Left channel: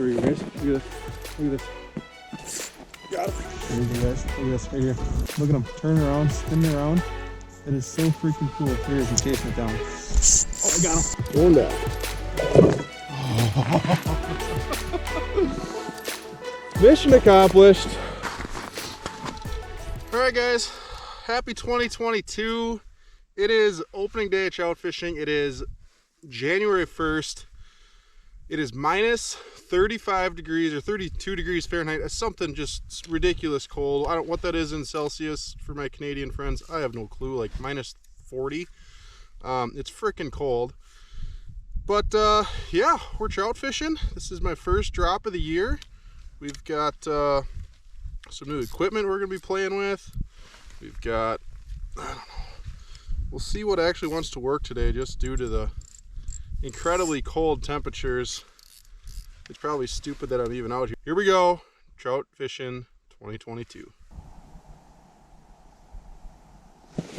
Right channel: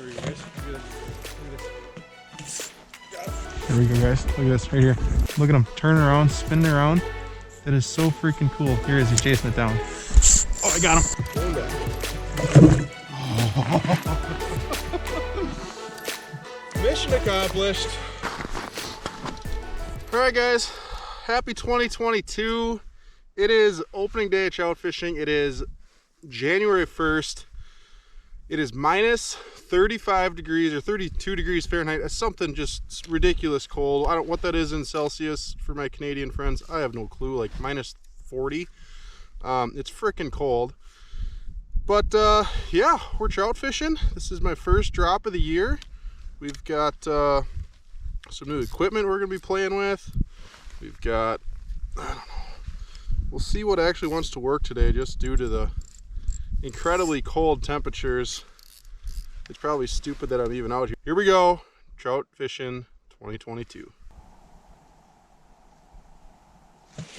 Here we go, guys. Look at this. Look at this. Got him. There we go, guys. Look at this right here. Look at him turning around, spinning around. That is so freaking cool. Here he is. He's chasing it down. Oh, I got him. Going back. Mission accomplished. All right, guys. Happy 2022. It is opening day at trout fishing. It is January 1st. It is minus 35 degrees or 32 degrees Fahrenheit. It's something just ridiculous cold. I don't know what that is in Celsius for my Canadian friends. I have no clue, like minus 40. It's freaking cold. But yeah, we're trout fishing. This is my first drop of the year. We've got some new equipment we're gonna be playing with. We've got, I don't know, we'll see what actually wants to work today just due to the incredibly cold temperatures. It's probably stupid that I'm even out here. Here we go, trout fishing 2022.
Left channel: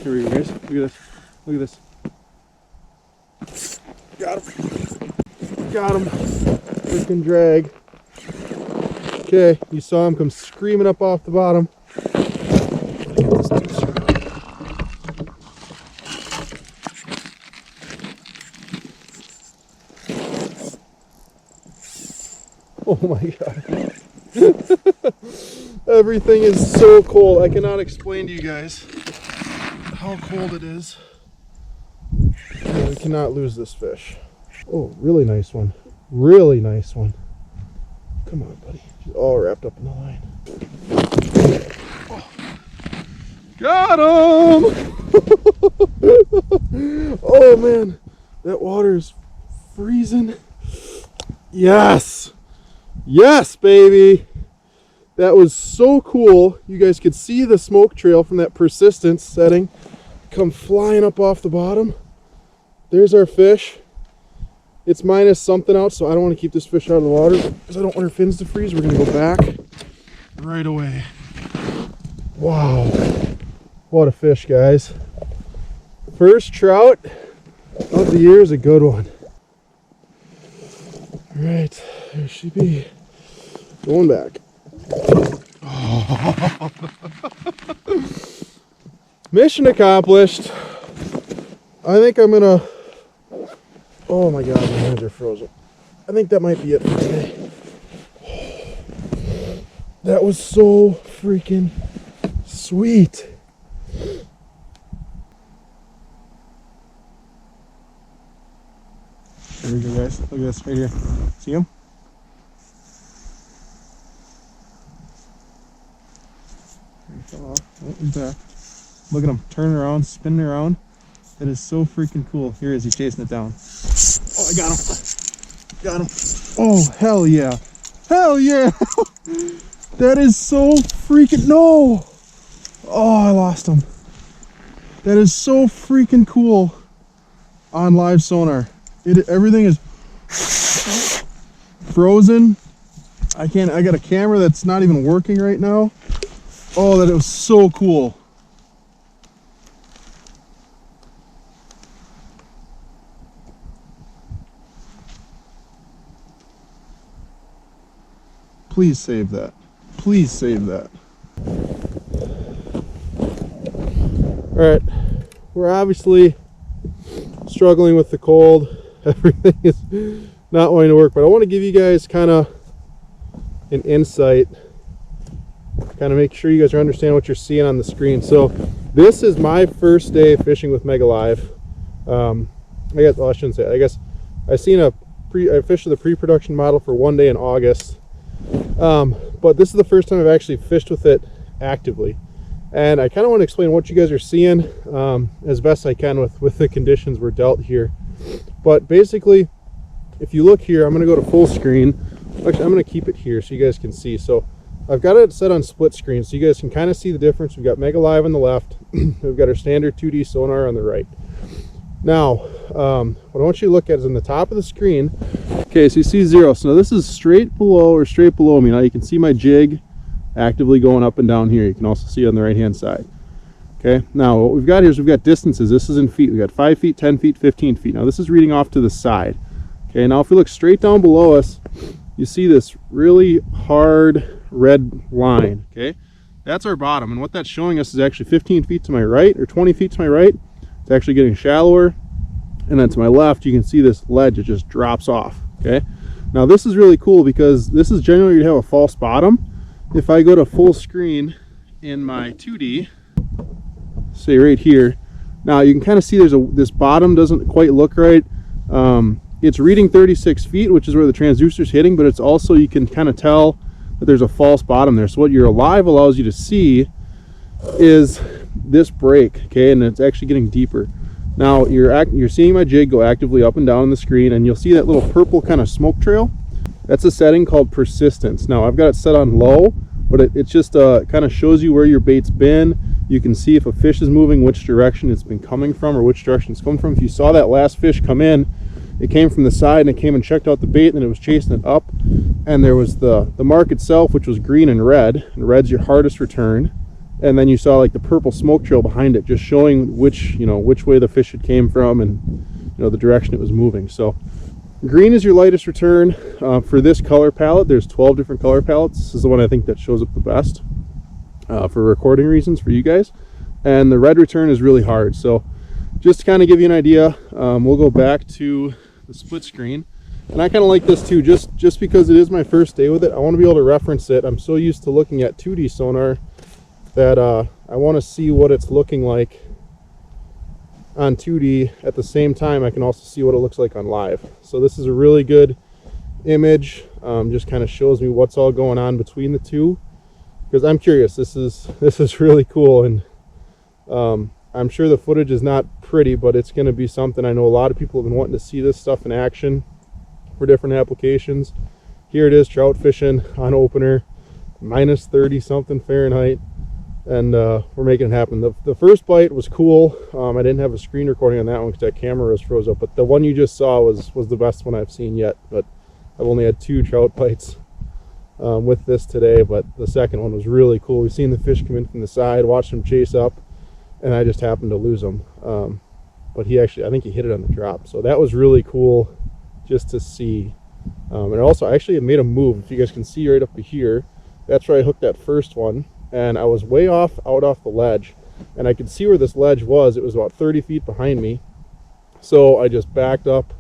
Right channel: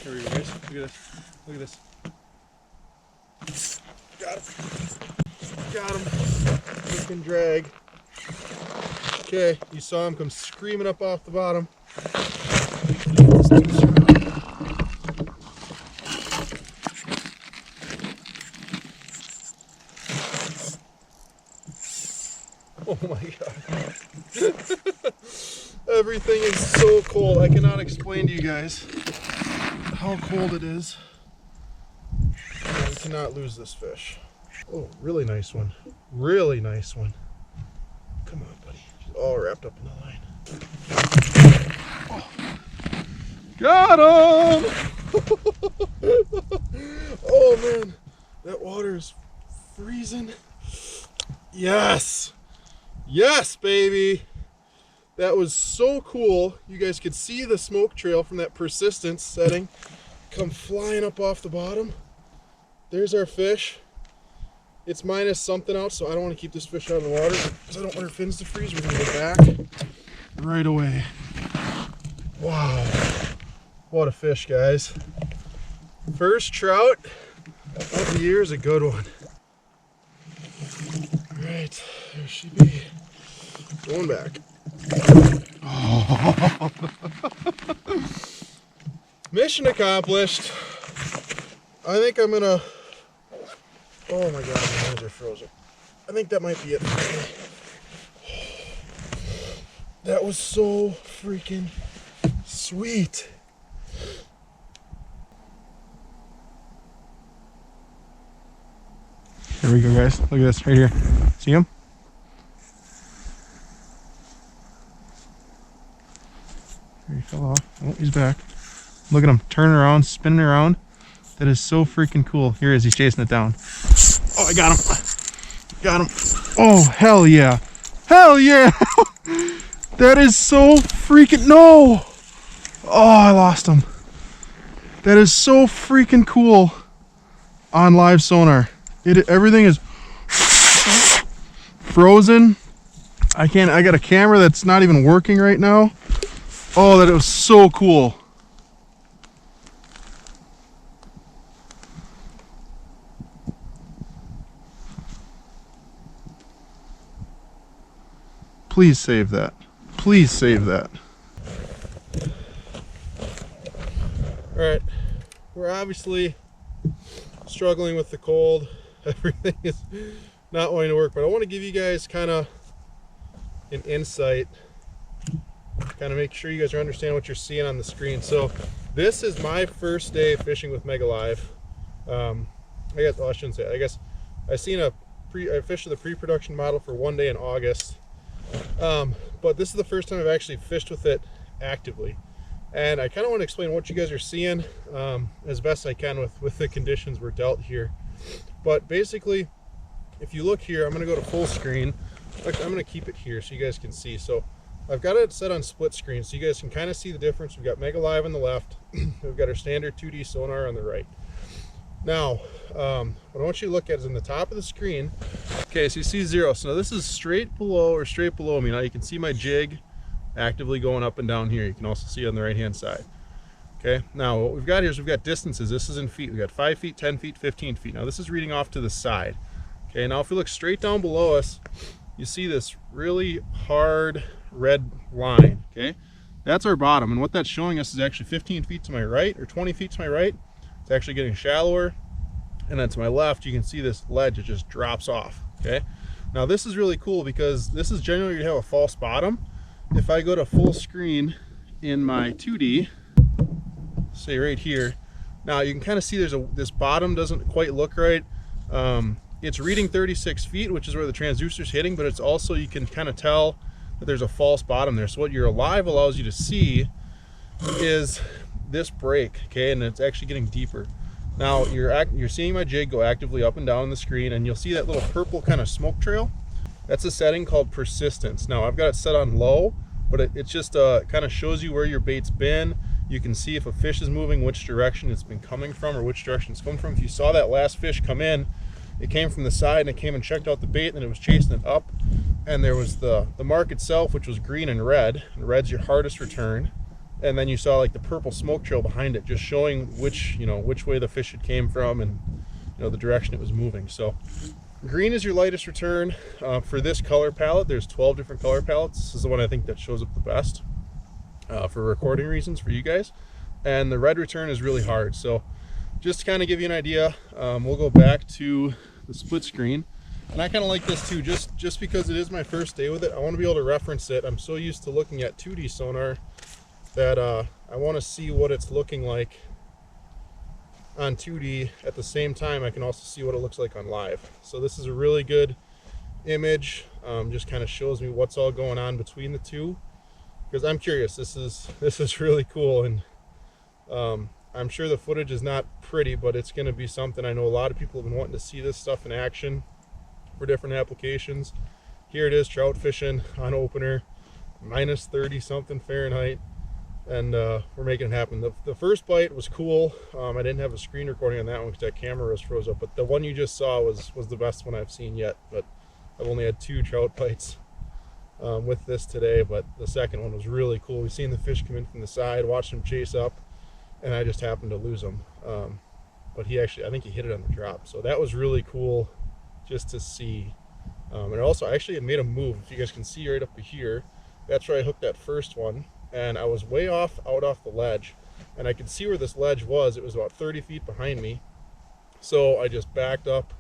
Here we go, guys. Look at this. Look at this. Got him. Got him. Freaking drag. Okay, you saw him come screaming up off the bottom. Oh my god. Everything is so cold. I cannot explain to you guys how cold it is. Yeah, we cannot lose this fish. Oh, really nice one. Really nice one. Come on, buddy. She's all wrapped up in the line. Oh. Got him! Oh man, that water is freezing. Yes! Yes, baby! That was so cool. You guys could see the smoke trail from that persistence setting come flying up off the bottom. There's our fish. It's minus something out, so I don't want to keep this fish out of the water because I don't want her fins to freeze. We're going to go back right away. Wow. What a fish, guys. First trout of the year is a good one. All right, there she be. Going back. Oh. Mission accomplished. I think I'm going to... Oh my god, my hands are frozen. I think that might be it for today. That was so freaking sweet. There we go, guys. Look at this right here. See him? There he fell off. Oh, he's back. Look at him turning around, spinning around. That is so freaking cool. Here he is. He's chasing it down. Oh, I got him. Got him. Oh, hell yeah. Hell yeah. That is so freaking... No. Oh, I lost him. That is so freaking cool on live sonar. Everything is frozen. I got a camera that's not even working right now. Oh, that was so cool. Please save that. Please save that. All right, we're obviously struggling with the cold. Everything is not wanting to work, but I want to give you guys kind of an insight, kind of make sure you guys are understanding what you're seeing on the screen. So this is my first day fishing with Mega Live. I guess, well, I shouldn't say it. I guess I fished the pre-production model for one day in August. But this is the first time I've actually fished with it actively, and I kind of want to explain what you guys are seeing as best I can with the conditions we're dealt here. But basically, if you look here, I'm going to go to full screen. Actually, I'm going to keep it here so you guys can see. So I've got it set on split screen so you guys can kind of see the difference. We've got Mega Live on the left. We've got our standard 2D sonar on the right. Now, what I want you to look at is in the top of the screen. Okay, so you see 0. So this is straight below me. Now you can see my jig actively going up and down here. You can also see it on the right hand side. Okay, now what we've got here is we've got distances. This is in feet. We've got 5 feet, 10 feet, 15 feet. Now this is reading off to the side. Okay, now if we look straight down below us, you see this really hard red line, okay? That's our bottom, and what that's showing us is actually 15 feet to my right, or 20 feet to my right. It's actually getting shallower, and then to my left, you can see this ledge, it just drops off, okay? Now this is really cool because this is generally going to have a false bottom. If I go to full screen in my 2D, say right here, now you can kind of see this bottom doesn't quite look right. It's reading 36 feet, which is where the transducer's hitting, but it's also, you can kind of tell that there's a false bottom there. So what your live allows you to see is this break, okay, and it's actually getting deeper. Now you're seeing my jig go actively up and down on the screen, and you'll see that little purple kind of smoke trail. That's a setting called persistence. Now I've got it set on low, but it just kind of shows you where your bait's been. You can see if a fish is moving, which direction it's been coming from, or which direction it's coming from. If you saw that last fish come in, it came from the side and it came and checked out the bait, and then it was chasing it up, and there was the mark itself, which was green and red's your hardest return. And then you saw like the purple smoke trail behind it, just showing which way the fish had came from, and the direction it was moving. So green is your lightest return. For this color palette, there's 12 different color palettes. This is the one I think that shows up the best for recording reasons for you guys. And the red return is really hard. So just to kind of give you an idea, we'll go back to the split screen. And I kind of like this too, just because it is my first day with it. I want to be able to reference it. I'm so used to looking at 2D sonar that I want to see what it's looking like on 2D. At the same time, I can also see what it looks like on live. So this is a really good image. Just kind of shows me what's all going on between the two, because I'm curious. This is really cool, and I'm sure the footage is not pretty, but it's going to be something. I know a lot of people have been wanting to see this stuff in action for different applications. Here it is, trout fishing on opener, minus 30 something Fahrenheit. And we're making it happen. The first bite was cool. I didn't have a screen recording on that one because that camera was froze up, but the one you just saw was the best one I've seen yet. But I've only had 2 trout bites with this today, but the second one was really cool. We've seen the fish come in from the side, watched them chase up, and I just happened to lose them. But I think he hit it on the drop, so that was really cool just to see. And also, actually, it made a move. If you guys can see right up here, that's where I hooked that first one. And I was way out off the ledge, and I could see where this ledge was. It was about 30 feet behind me. So I just backed up,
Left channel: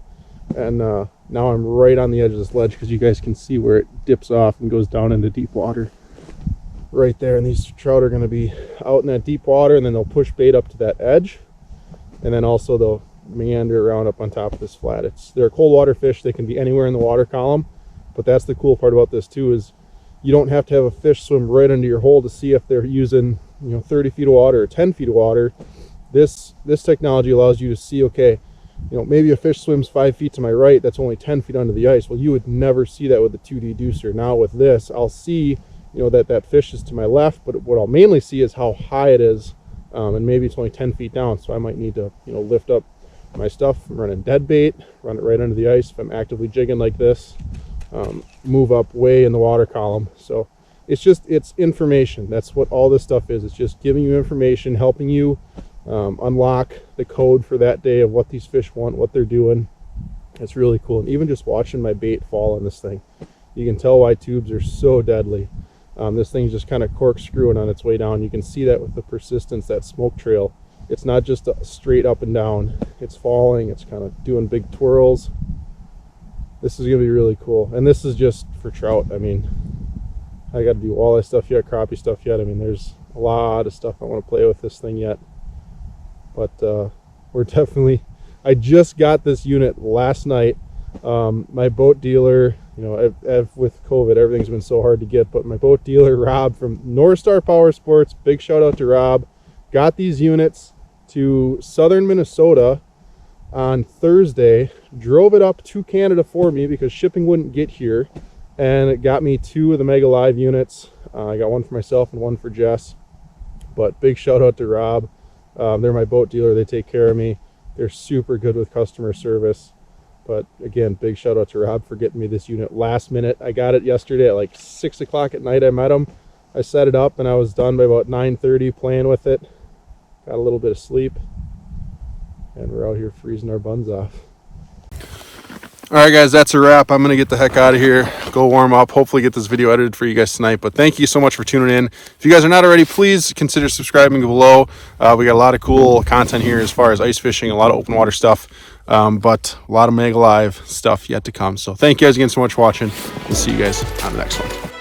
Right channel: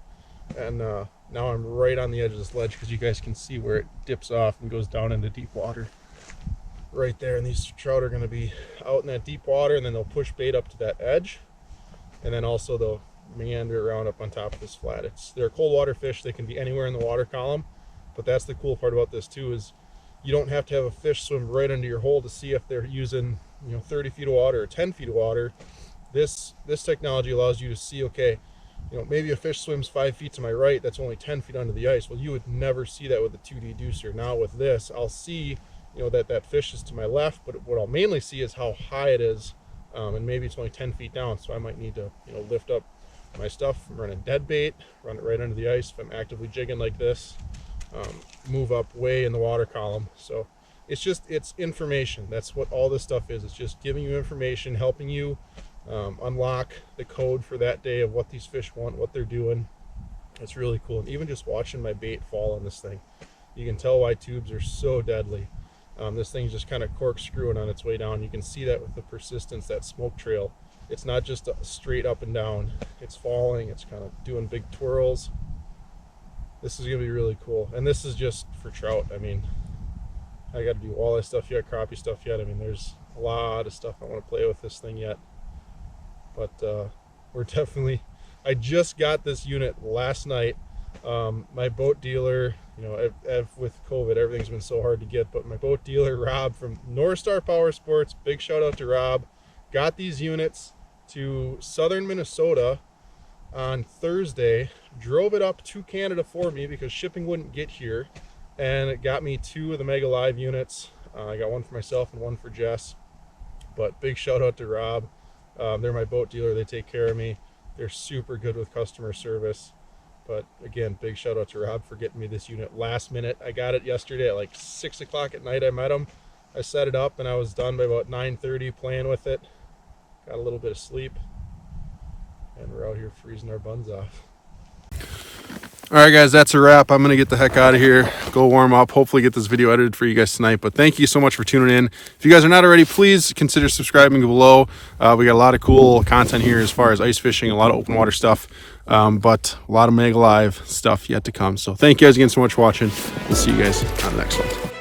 and now I'm right on the edge of this ledge, because you guys can see where it dips off and goes down into deep water right there. And these trout are going to be out in that deep water, and then they'll push bait up to that edge, and then also they'll meander around up on top of this flat. They're cold water fish. They can be anywhere in the water column, but that's the cool part about this too, is you don't have to have a fish swim right into your hole to see if they're using 30 feet of water or 10 feet of water. This technology allows you to see, okay, maybe a fish swims 5 feet to my right, that's only 10 feet under the ice. Well, you would never see that with a 2D deucer. Now with this, I'll see that fish is to my left, but what I'll mainly see is how high it is, and maybe it's only 10 feet down, so I might need to lift up my stuff. I'm running dead bait, run it right under the ice if I'm actively jigging like this. Move up way in the water column. So it's information. That's what all this stuff is. It's just giving you information, helping you unlock the code for that day of what these fish want, what they're doing. It's really cool. And even just watching my bait fall on this thing, you can tell why tubes are so deadly. This thing's just kind of corkscrewing on its way down. You can see that with the persistence, that smoke trail. It's not just a straight up and down. It's falling. It's kind of doing big twirls. This is going to be really cool. And this is just for trout. I mean, I got to do walleye stuff yet, crappie stuff yet. I mean, there's a lot of stuff I want to play with this thing yet. But we're definitely, I just got this unit last night. My boat dealer, with COVID, everything's been so hard to get, but my boat dealer, Rob from North Star Power Sports, big shout out to Rob, got these units to southern Minnesota on Thursday, drove it up to Canada for me because shipping wouldn't get here, and it got me 2 of the Mega Live units. I got one for myself and one for Jess, but big shout out to Rob. They're my boat dealer. They take care of me. They're super good with customer service. But again, big shout out to Rob for getting me this unit last minute. I got it yesterday at like 6 o'clock at night. I met him. I set it up and I was done by about 9:30 playing with it. Got a little bit of sleep. And we're out here freezing our buns off. All right, guys, that's a wrap. I'm gonna get the heck out of here, go warm up, hopefully get this video edited for you guys tonight. But thank you so much for tuning in. If you guys are not already, please consider subscribing below. We got a lot of cool content here as far as ice fishing, a lot of open water stuff, but a lot of Mega Live stuff yet to come. So thank you guys again so much for watching. We'll see you guys on the next one.